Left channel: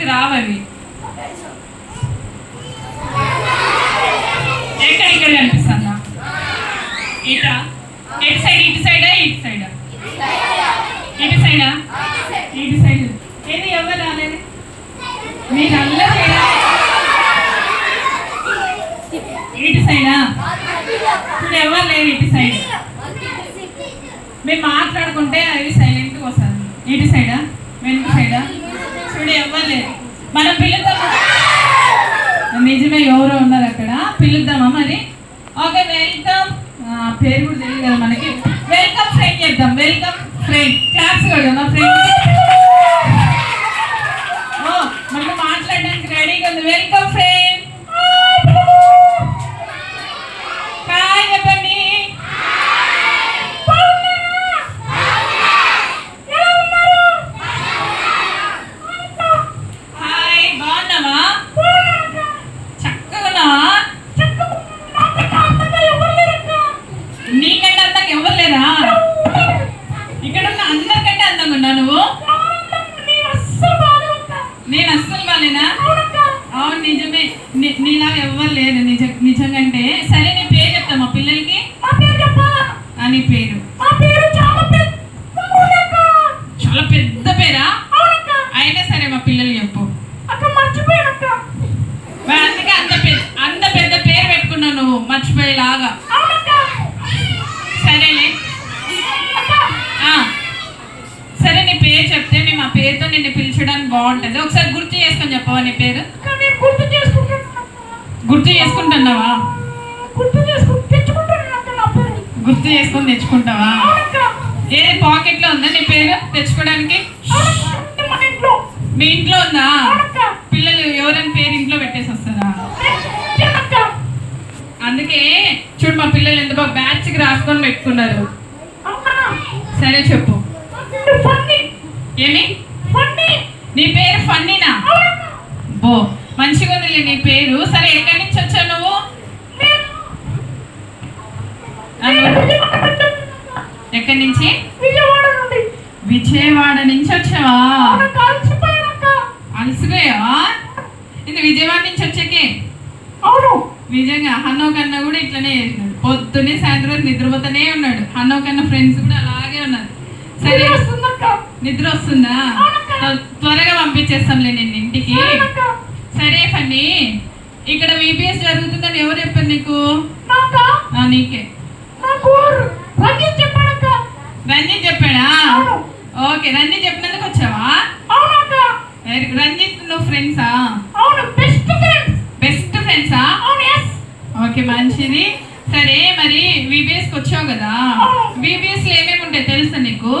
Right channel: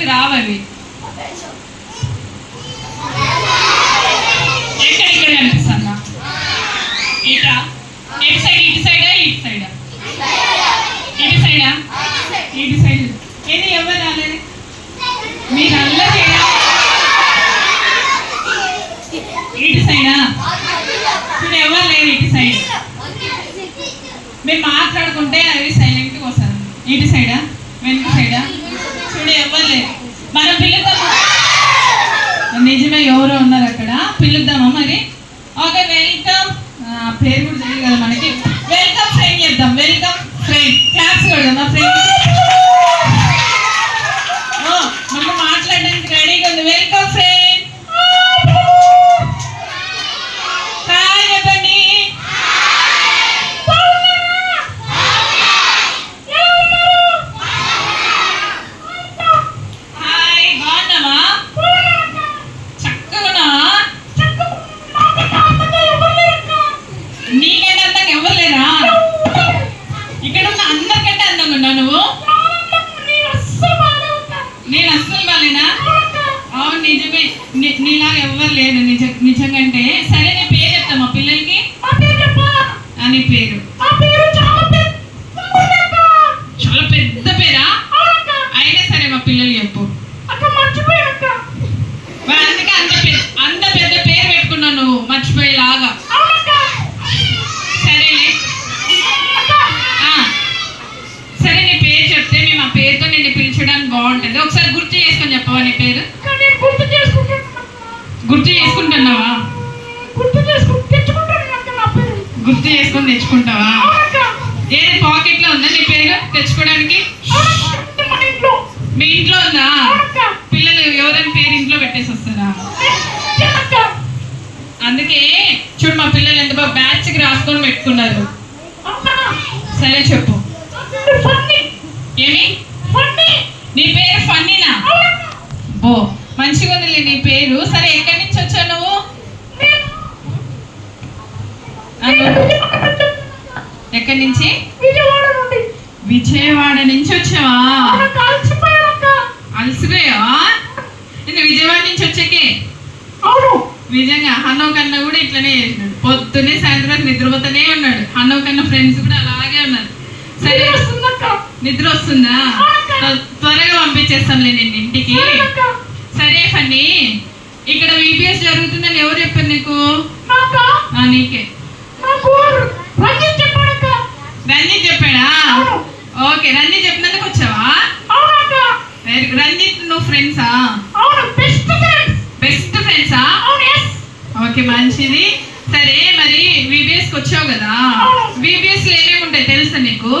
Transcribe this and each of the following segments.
వాళ్ళకి రావాలి. ఎక్కడికి అనిపిస్తుందా? ఇటా? ఎటు సైడ్? ఇటు సైడా ఇటు సైడా? ఇటు సైడా? ఇటు సైడ్. ఏది ఎవరు రాలేదు? మీరందరూ ఇటు సైడా? ఇప్పుడు ఎవరు లేరు ఇటు సైడ్. మేము మాట్లాడుకుంటే అవి సైలెంట్గా వస్తారు. ఇటు సైడా వెనుక సైడా? చూడు ఎవరు లేరు. మనం పిలుద్దామా? నిజమే, ఎవరో ఉన్నారు అక్కడ. పిలుద్దామా మరి? Okay, welcome. పేరు కూడా తెలియదు కదా మనకి. వెల్కమ్ ఫ్రెండ్ చేద్దాం. Welcome friend. క్లాప్స్ కొడదాం మా ఫ్రెండ్. మనం మాట్లాడడానికి రెడీగా ఉంది. Welcome friend. నీలాగా ఎవ్వరు లేరు నిజంగా. సరే, నీ పేరు చెప్తా మా పిల్లలకి. నీ పేరు చాలా పెద్ద పేరా? అయినా సరే మా పిల్లలు చెప్పు. అందుకే అంత పెద్ద పేరు పెట్టుకున్నావు నువ్వు, మర్చిపోయేలాగా. సరేనే, సరే నీ పేరు చెప్తే మేము ఆ పేరుతో నిన్ను పిలిచడానికి బాగుంటుంది. ఒకసారి గుర్తు చేసుకొని చెప్పవా నీ పేరు? గుర్తు చేసుకుంటున్నావా? గుర్తు చేసుకొని తెచ్చుకుంటావా? ఏది పాకెట్లో ఉందా నీ పేరు తెచ్చుకోవడానికి? మీ ఇంట్లో ఉందా? పిల్లలు ఎవరైనా పేరు ఇంట్లో పెట్టేసి వస్తారా? అందుకే చూడు మా పిల్లలు ఎంత బాగా బ్యాచ్కి రాసుకొని పెట్టుకున్నారు. సరే చెప్పు. ఏమి? నీ పేరు ఫన్నీనా? బో, మంచిగా ఉంది నీ పేరు. సరే, ఎక్కడి నుంచి వచ్చావు నువ్వు? ఎక్కడి నుంచి? విజయవాడ నుంచి వచ్చావా? అలసిపోయావా? ఇది విజయవాడ నుంచి వచ్చాకే? అవును. నిజంగా హన్నోకన్న కూడా ఇట్లనే చేసినాడు. పొద్దున్నే సాయంత్రం నిద్రపోతూనే ఉన్నాడు. హన్నోకన్న ఫ్రెండ్స్ కూడా అలాగే ఉన్నారు. సరే, నిద్ర వస్తుందా? త్వరగా పంపించేస్తానులే నేను ఇంటికి. సరే ఫన్నీ, ఇక్కడ విపిఎస్ జరుగుతుందని ఎవరు చెప్పారు నీకు? నీకే. రంజిత్ చెప్పాడా? ఓకే, రంజిత్ చెప్పినందుకు వచ్చావా? రంజిత్ నువ్వు ఫ్రెండ్సా? బెస్ట్ ఫ్రెండ్సా? ఓకే, మంచిది. సరే, మరి విబిఎస్కి వచ్చావు కదా, విబిఎస్ లో ఏమేమి ఉంటాయి తెలుసా నీకు?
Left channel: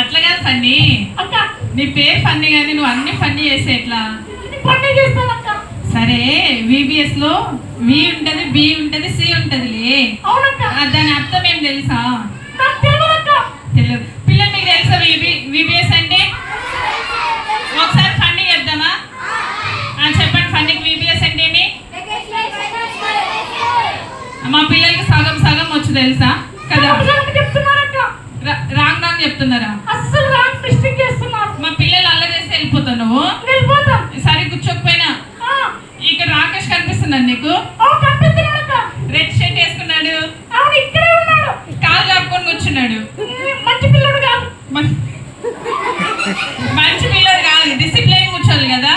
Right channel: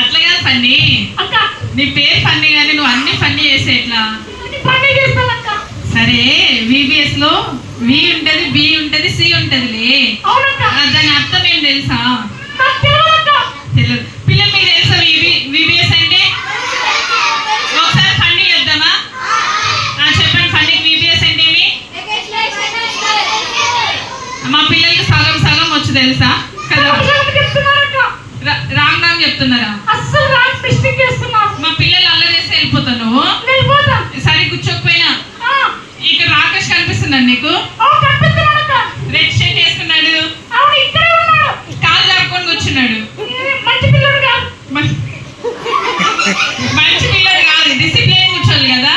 అట్లా కాదు ఫన్నీ. నీ పేరు ఫన్నీ కానీ నువ్వు అన్ని ఫన్నీ చేసే ఎట్లా? సరే, విబిఎస్ లో వి ఉంటది, బి ఉంటది, సి ఉంటదిలే. దాని అర్థం ఏం తెలుసా? తెలియదు. పిల్లలు మీకు తెలుసా విబిఎస్ అంటే? ఒకసారి ఫన్నీ చేద్దామా? చెప్పండి ఫన్నీకి విబిఎస్ అంటే ఏమి? మా పిల్లలకి సగం సగం వచ్చు తెలుసా కదా? రాంగ్ రాంగ్ చెప్తున్నారా? అస్సలు రాంగ్ మిస్టేక్ చేస్తున్నారు. మా పిల్లలు అల్లరి చేస్తే వెళ్ళిపోతాను. సరే, కూర్చోకపోయినా ఇక్కడ రాకేష్ కనిపిస్తున్నాడు నీకు? రెడ్ షర్ట్ వేసుకున్నాడు, కాలు చాపుకొని కూర్చున్నాడు. మంచి పిల్లడు కాదు, డిసిప్లైన్ కూర్చోవాలి కదా.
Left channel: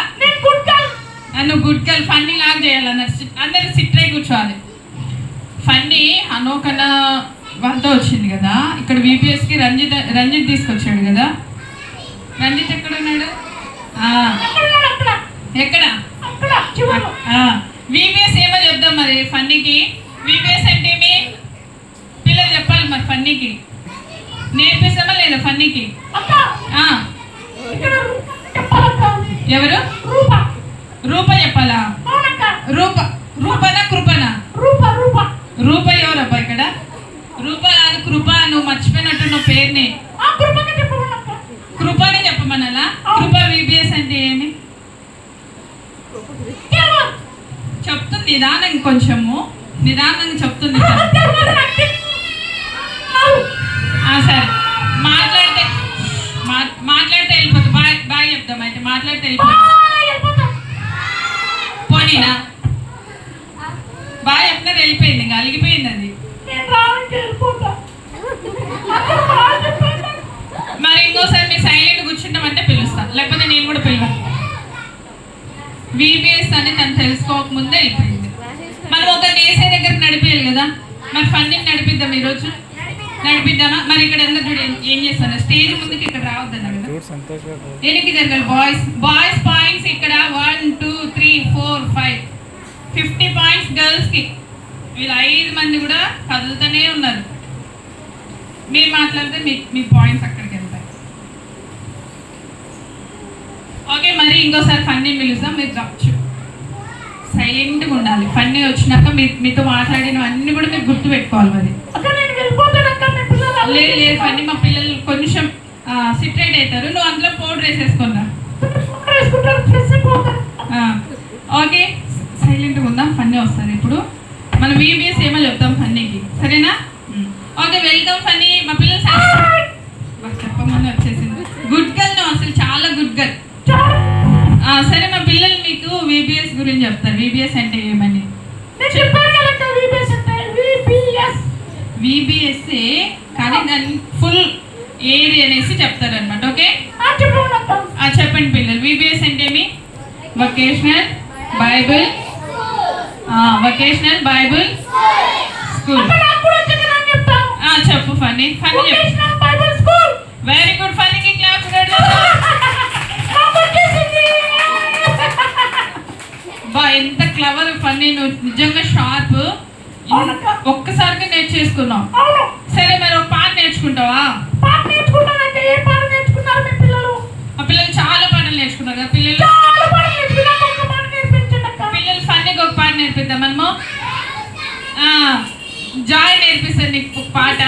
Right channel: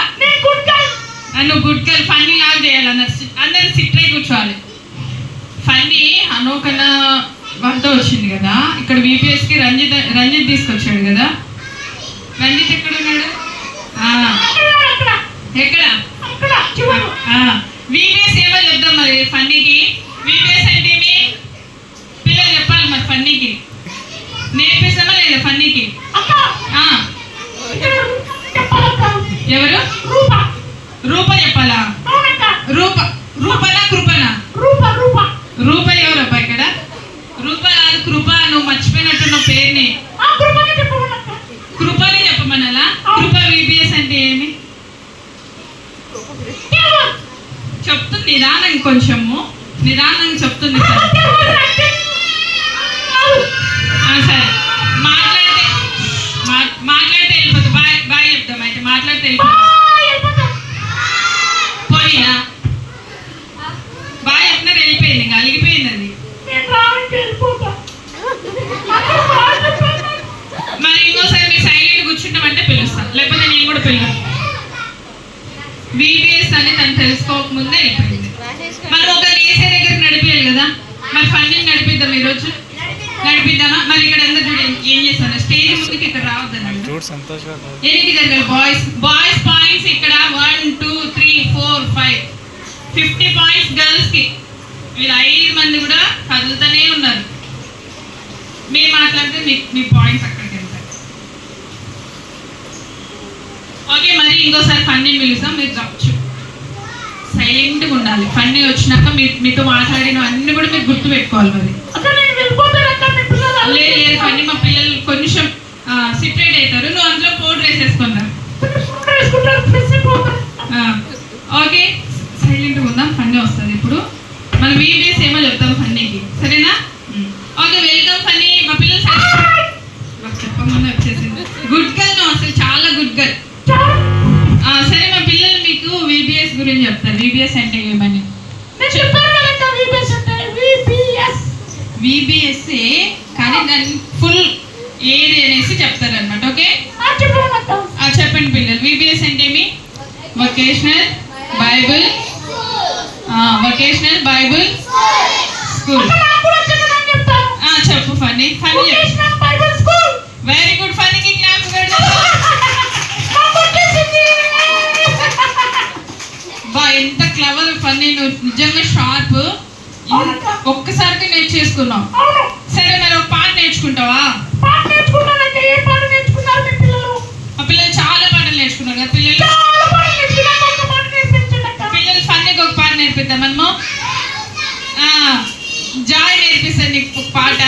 నువ్వు గుడ్ గర్ల్. ఫన్నీ లాగా చేయాలి, అందరు సిట్రై కూర్చోవాలి. ఫన్నీ అనోకన వద్ద వచ్చింది కదా, ఇక్కడ విపిఎస్కి రంజిత్ తీసుకొచ్చాడు కదా. రంజిత్ ఎక్కడ ఉన్నాడు? ఎక్కడ? విపిఎస్ ఏమో చెప్దాం మరి ఫన్నీకి. విపిఎస్ అంటే ఏమి? పిల్లలు చెప్పాలి మరి ఫన్నీకి. నేర్పిస్తామా లేదా ఫన్నీకి? ఎవరు? రూప చెప్పాలా? రూపనా కృపనా? రూప ఎవరబ్బా ఇక్కడ? రూప కాదు, కృప. నువ్వు మర్చిపోయినట్టున్నావు పేరుని. కృపనే చెప్పమనాలా? కృప విబిఎస్ అంటే ఏమి చెప్తుంది? నిదానంగా, కొంచెము నిదానంగా చెప్తుంది. మాట్లాడితే వెళ్ళిపోతా. బాయ్ బాయ్ చెప్తాం అయితే. మాట్లాడితే వెళ్ళిపోతా. పోనీనా బాయ్ చెప్తున్నారు, వెళ్ళిపోయింది. ఇంకా అలిగిపోయింది అది. మరి ఇంకోసారి మీరు సైలెంట్ కూర్చుంటామంటే పిలుస్తాను, లేకపోతే నేను కూడా పిలుస్తాను. విబిఎస్ అని తను తెలుసుకోకముందే వెళ్ళిపోయింది. మనం ఒక వేసే దగ్గర నడిపేయాలి కదా. మరి ఫండింగ్ నడిపిద్దాం ఈరోజు, నడిపిద్దామా? మరి ఇక్కడ అందరు చూడండి ఏం చేస్తాను, స్టేజ్ ముందుకి ఇక్కడ రావద్దండి. ఎనికి జరగాలి బాయ్స్ పాయింట్స్ ఇక్కడ 1 2 3 4 5 50 పాయింట్స్ గర్ల్స్ కి. వీళ్ళు 5 మంది కూడా కదులుతూనే ఉన్నారు. మీరు మాట్లాడితే మీ పాయింట్స్ అక్కడికి వెళ్తాయి. ఓకే, మరి ఇంకోసారి ఫండింగ్ పిలుస్తాం. మీరు కావచ్చు సైలెంట్గా ఉండాలి. ఫన్నీ వచ్చినాక మీతో మాట్లాడిన అన్ని కూడా మీరు గుర్తు పెట్టుకోవాలి. మరి లేదు ఫన్నీ, మా పిల్లలు కొంచెం సిట్రేట్ అవుతారు. నువ్వు అందులో పౌడర్ వేసేసుకున్నా. ఓకే, సైలెంట్గా ఉందాం. ఫన్నీ వస్తుంది ఇప్పుడు. మనం వీబీఎస్ ఏమో చెప్తాం ఫన్నీకి, సరేనా? Okay, welcome funny. మా పిల్లలు చెప్పమని వచ్చేసింది. గుడ్ గర్ల్ నువ్వు, అసలు చాలా గుడ్ గర్ల్. సరే, మా పిల్లలు మీకు విబిఎస్ గురించి చెప్తారు. విబిఎస్ అంటే ఏమని విబిఎస్ఏ, కానీ దాన్ని ఫుల్ ఏది అనేసి చెప్తారు అనమాట. ఓకే, చెప్పండి పిల్లలు. విబిఎస్ అంటే ఏమి? Vocational Bible school. చెప్పు ఫన్నీ. ఫన్నీ చెప్పు. Very good. ఫన్నీకి క్లాప్స్ కొడదాం. బా, ఎంత క్లవర్ ఫన్నీ. నువ్వు నిజంగా షార్ప్. ఒక్కసారిగా నేర్చేసుకున్నావు. సరే, మరి ఒక పాట నేర్చుకుంటావా? మా పిల్లలు చాలా పాటలు నేర్చుకున్నారు కదా. పిల్లలు ఫన్నీకి ఒక పాట నేర్పిద్దాం మనము. జాయ్ నేర్పిస్తాడు నీకు ఒక పాట.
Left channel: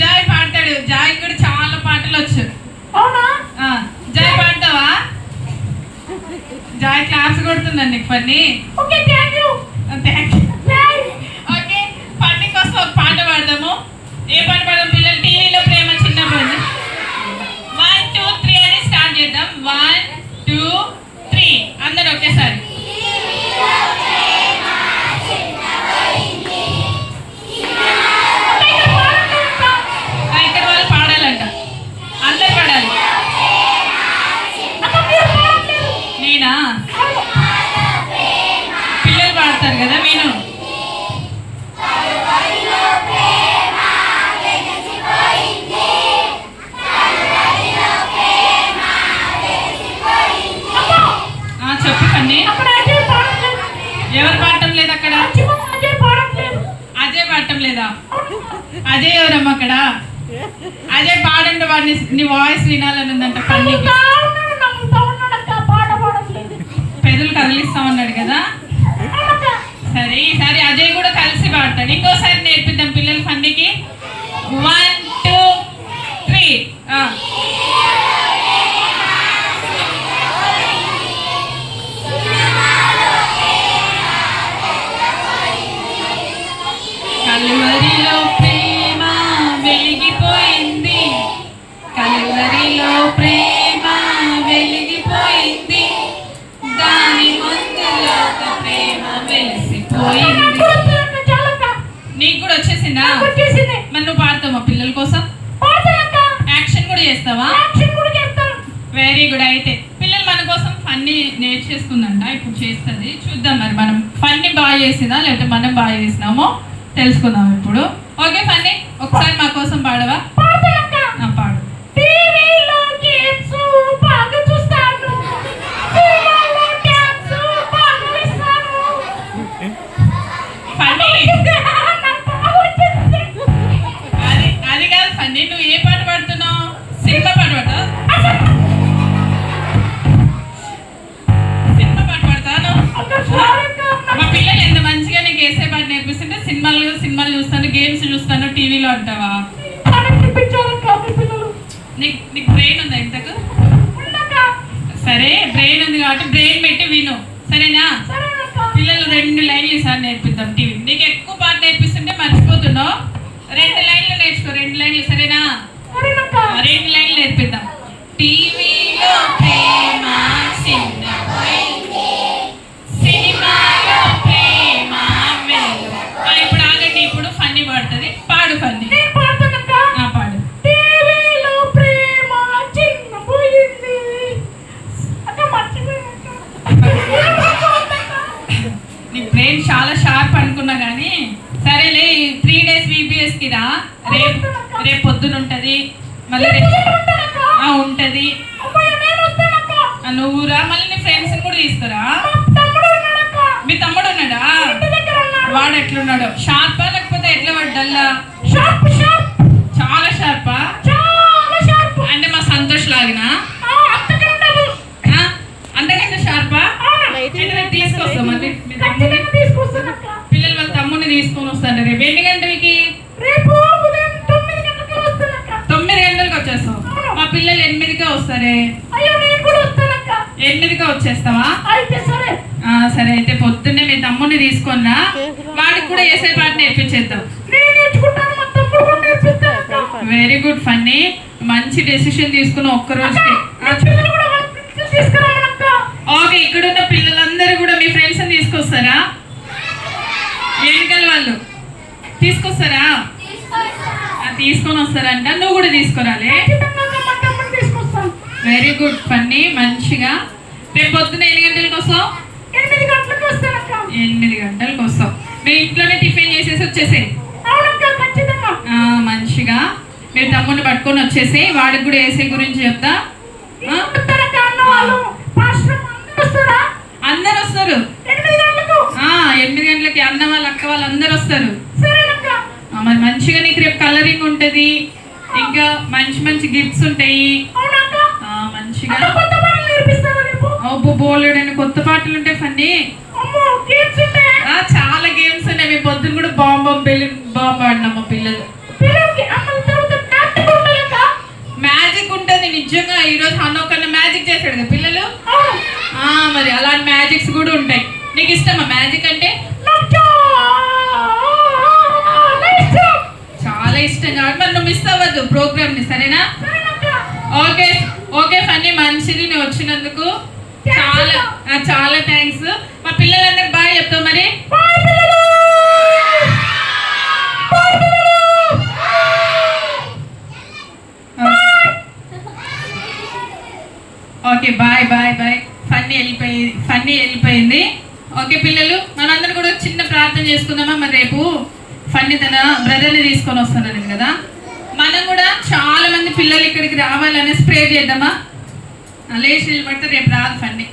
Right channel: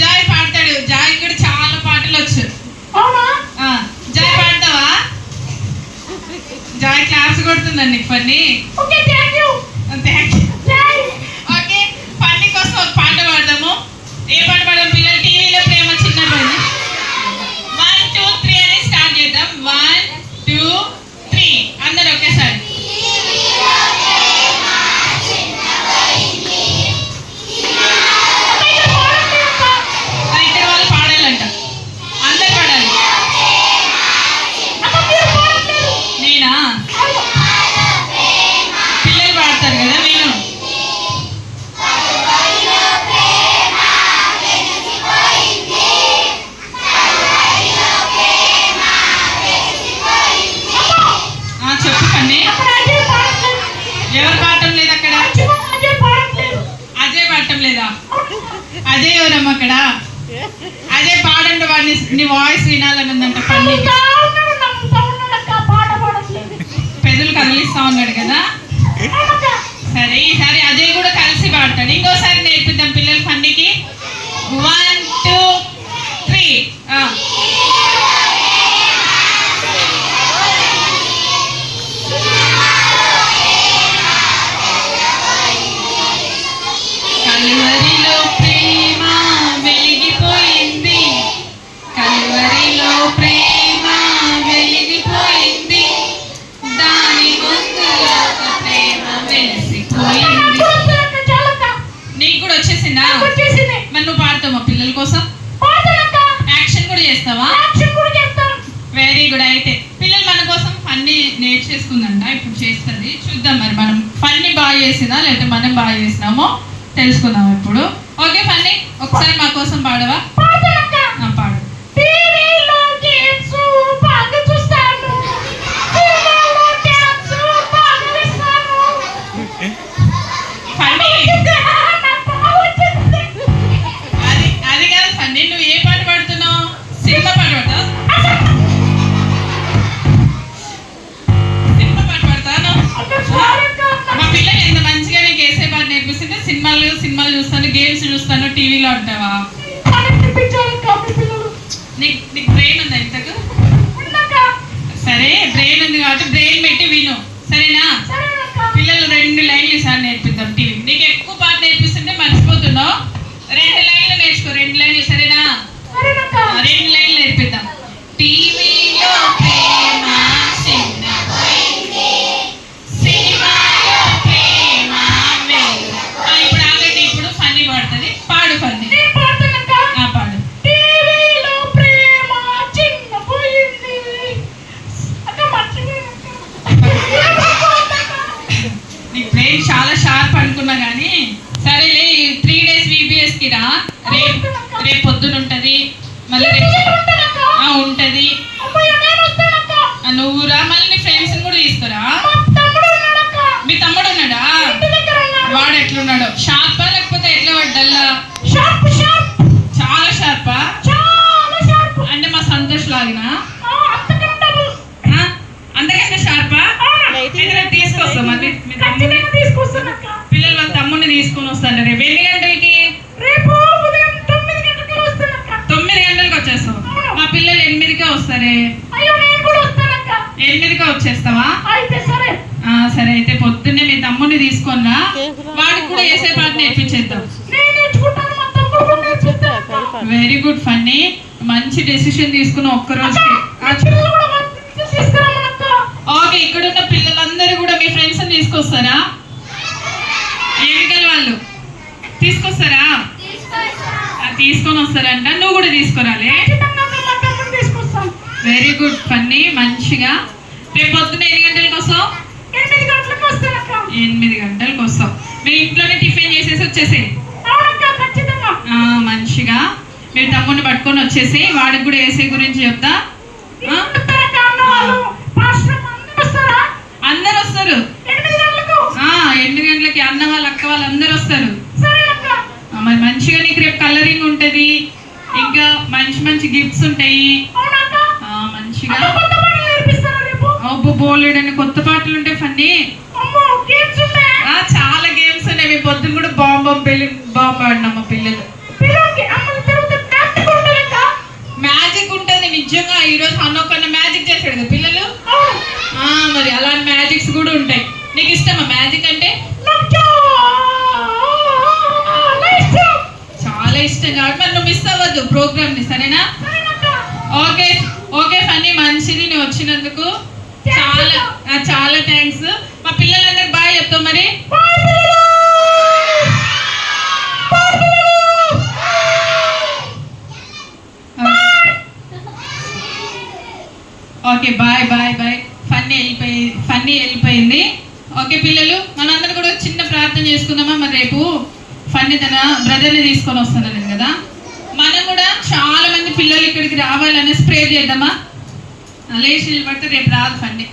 జాయ్ పాడతాడు. జాయ్ కూడా చాలా పాటలు వచ్చు. జాయ్ పాడతావా? జాయ్ క్లాప్స్ కొడుతుందండి నీకు funny. Thank you. Okay, funny కోసం ఒక పాట పాడదాము. ఏ పాట పాడదాం పిల్లలు? టీవీలో ప్రేమ చిన్నపోయింది. 1 2 3 అని స్టార్ట్ చేద్దాం. 1 2 3 అందరూ ఒకేసారి. ఇద్దరు వాళ్ళు పాడాలంట. అందరు పాడాలి. నేనా? పిల్లలు పాడతారు కదా, నేను. చెప్పు పని. ఎవరు పాడటం లేదు అక్కడ? అజయ్ పాడటం లేదా? అజయ్ ఎవరమ్మా అక్కడ? అజయ్ పాడండి. వాడిని నీ వాయిస్ వినాలని ఉందంట. పని పెదలు కదిలిస్తా ఉన్నాడు కదా. సరే, ఈసారి అజయ్ కూడా కలిసి పాడతాడు. ఇంకోసారి నేర్పిద్దాం పిల్లలు ఫన్నీకి. 1 2 3 కలువరిలో ప్రేమ వెలిగిపోయింది. కలువరిలో ప్రేమ వెలిగిపోయింది. దాని ముందులో ప్రేమ వెలిసిపోయింది. నీకు కూడా వచ్చేసిందా? మరి నువ్వు పాడతావా పిల్లల కోసం? యాక్షన్ కూడా చేస్తావా? Very good. అయితే పిల్లలు మన కోసం ఫన్నీ నేర్చేసుకుందంట, ఇప్పుడు చేస్తుంది. చూద్దాం మరి మనం ఫన్నీ బాగా చేసిందా లేకపోతే మనం బాగా చేసినామో తెలుసుకుందాం ఇప్పుడు. ఓకే ఫన్నీ, ఒకసారి మా కోసం పాడవా? పాడు. అది కాదు ఫన్నీ, నువ్వు ఏ పాట పాడుతున్నావు? సినిమా పాట పాడతావు? సినిమా పాట పాడతాను. మా పిల్లలు ఎంత మంచిగా నీకు వేసే పాట నేర్పిస్తుంటే సినిమాలు చూస్తాను, గేమ్స్ చూస్తాను, టీవీలో అంటావా? నీకు బ్రెయిన్ ఉందా ఇంతకు? సరే, బ్రెయిన్ ఉంది కాబట్టి బ్రెయిన్ పెట్టి విను, సరేనా? పిల్లలు 2 లైన్లు ఈసారి నేర్పిద్దాం టీవీ. నీకు ఎక్కువ పాట నేర్పిస్తుంటే మర్చిపోతున్నావు. 2 లైన్లు నేర్చుకో, 2 లైన్లు, సరేనా? 2 లైన్లు నేర్పిద్దాం. షార్ప్ అనుకున్నా కానీ సరేలే 3 days VBS కి రా. రేపు పొద్దున ఉంటది, మళ్ళీ ఉంటది. నువ్వు రా, మళ్ళీ నీ ఫ్రెండ్స్ కూడా తీసుకురా. మీ తమ్ముడు ఉన్నాడా? వాడు ఎట్లున్నాడు? షార్పా లేకపోతే ఎట్లా పడ్డల్లా? చాలా షార్పా? అంటే మా సంతోష్ లాగినా అంతకంటే షార్పా? తీసుకొస్తాం మరి పిల్లలు వాళ్ళ తమ్ముడిని తీసుకొని వస్తాను. రేపు ఎన్ని గంటలకి? రేపు ఉదయం 9 గంటలకు వస్తాను. 9 గంటలకు వచ్చేస్తాం. మా పిల్లలు 8కే వస్తారే. 8కే వచ్చేస్తావా? సరే అయితే పొద్దున్నే మీ తమ్ముడిని తీసుకున్నా, వాడికి కూడా వేసే పాట నేర్పించేద్దాం. వెరీ గుడ్ ఫన్నీ, మంచి డెసిషన్ తీసుకున్న ఒక్క రోజుకి. ఓకే, ఇక్కడ ఉన్న పిల్లలందరూ కూడా మీ ఫ్రెండ్స్ తీసుకొస్తారా? ఎన్నికల వాళ్ళు తీసుకొస్తారా? తీసుకొని వస్తారంట. నువ్వు కూడా తీసుకురాలే. వెరీ గుడ్ ఫన్నీ, మంచిగా. రేపు పొద్దున ఎన్ని గంటలకు వస్తావు? 8 గంటలకు వస్తాను. 8 గంటలకు వస్తావు. మీరు ఇంట్లోనే టిఫిన్ చేసేసి వచ్చేసేయి. మంచిగా మీరు తమ్ముడిని పట్టుకొని వచ్చేసి వాడికి కూడా వేసే గురించి చెప్తా. అందరు వస్తారు 8 గంటలకి. అన్న వాళ్ళు, అక్క వాళ్ళు అందరు వస్తారు. మరి మంచిగా నీకు రేపు కలరింగ్ ఉంటది, ఇంకా మంచి మంచి గిఫ్ట్స్ ఉంటాయి. మంచిగా బోలేడని కొత్త పాటలు ఉంటాయి ఫన్నీ. చాలా గేమ్స్ ఉన్నాయి. మీ పొద్దున కూడా బాంబు ఆడినాం మా పిల్లలు. మ్యాజిక్ ఉంటుంది నిజంగా. ఈరోజు హనో కన్నా మ్యాజిక్ చేశాడు కదా పిల్లలు. మరి అలాంటి మ్యాజిక్స్ కూడా ఉంటాయి. నీకు ఇష్టమా మ్యాజిక్ అంటే? చాలా ఇష్టం కాబట్టి మరి నువ్వు మిస్ అవ్వద్దు ప్రోగ్రామ్ ని, సరేనా? ఓకే ఓకే ఫన్నీ, మంచిది నువ్వు వచ్చినందుకు. చాలా చాలా థ్యాంక్స్. మా పిల్లలందరూ బాయ్ చెప్తావు మరి. Okay bye bye bye. Funny వెళ్ళిపోయింది. ఓకే పిల్లలు, మనందరూ కూడా చిన్న ప్రార్థన చేసుకుందామా? మరి రేపు ఫన్నీ తన బ్రదర్ని తీసుకొని వస్తున్నాను కదా, మనం కూడా చాలా మంది పిల్లలు ఇక్కడికి రావాలనే స్ప్రే చేద్దామా? లేచి నిలబడితే రేపు రాదు ఫన్నీ.